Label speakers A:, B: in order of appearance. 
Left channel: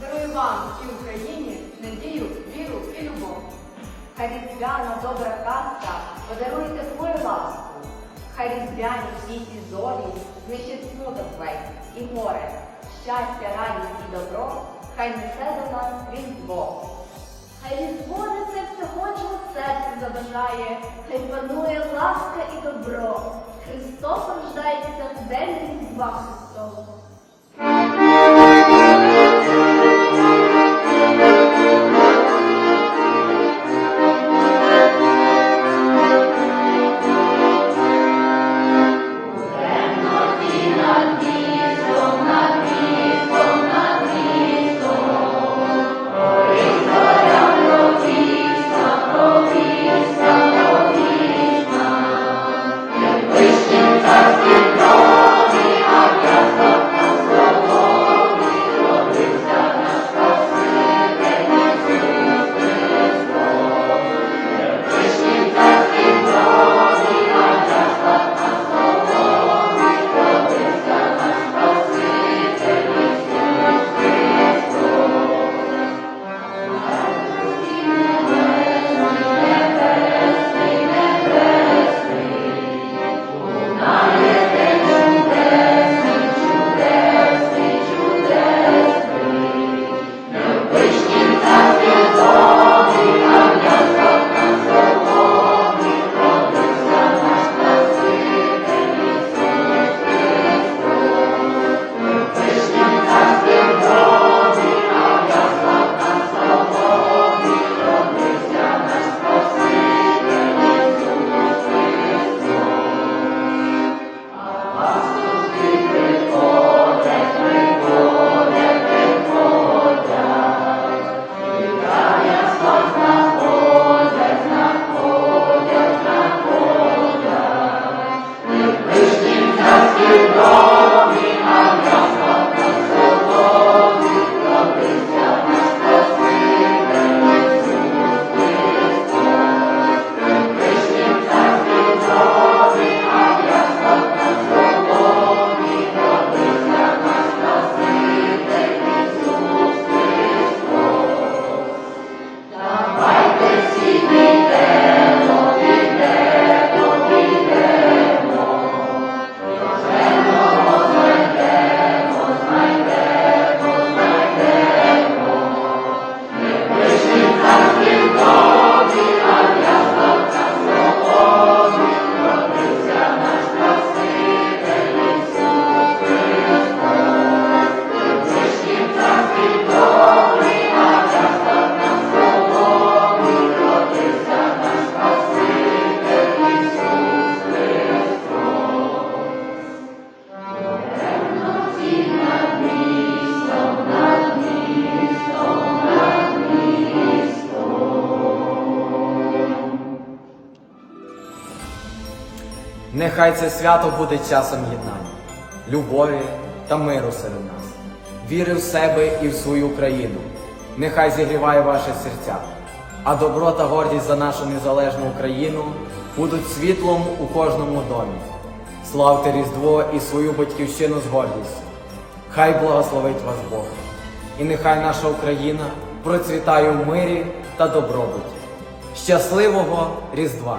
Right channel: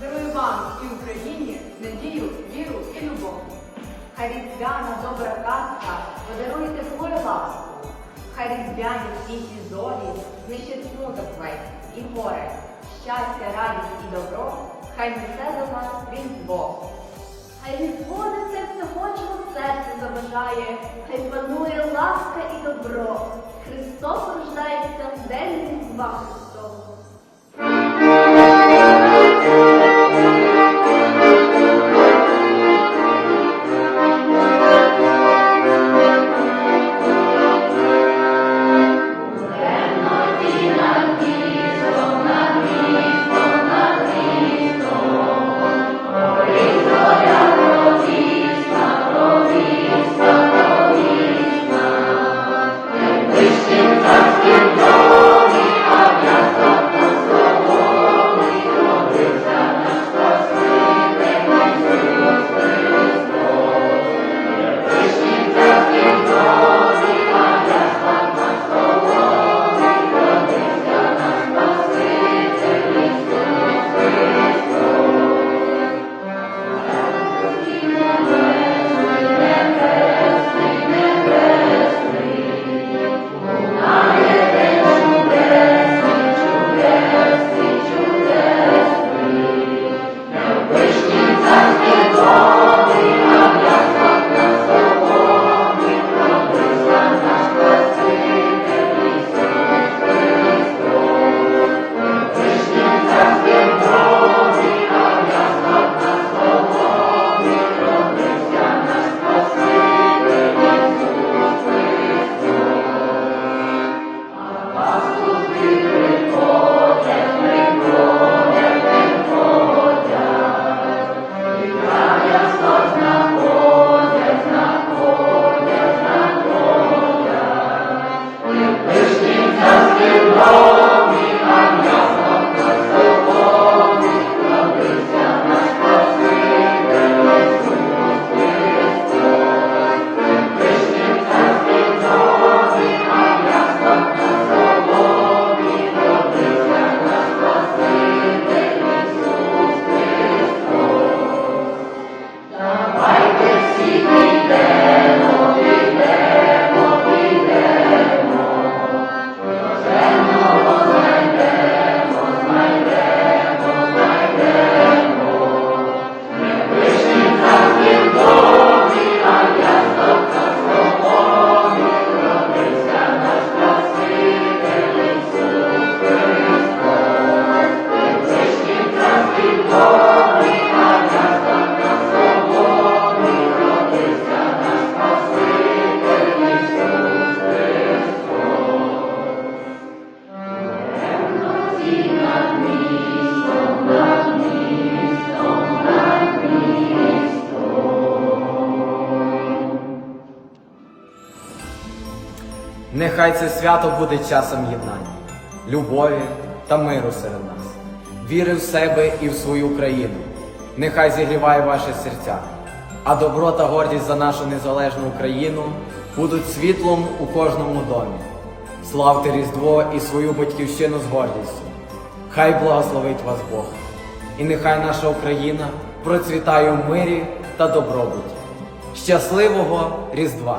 A: Дарую вам і Україні надію, віру і любов. Хай різдвяна добра казка подарує тепло ласку. Хай різдвяні світлі зорі знищить смуток весь і горе, щастя, радість і добро, хай несе до нас різдво. Хай різдво несе всього, чого серце забажає, хай панує ласка і добро. Христос рождається в день різдва.
B: Ich bin festgenommen.
C: Нехай це свято буде часом єднання, любові та миру серед нас, віри в себе і в свою країну. Нехай зігріває ваше серця, а добро та гордість за нашу незалежну Україну будуть світлом у кожному домі. Славте Різдво і свою батьківщину з гордістю. Хай благословить вас Бог, і нехай наша Україна процвітає в мирі та добробуті. Щасливого Різдва!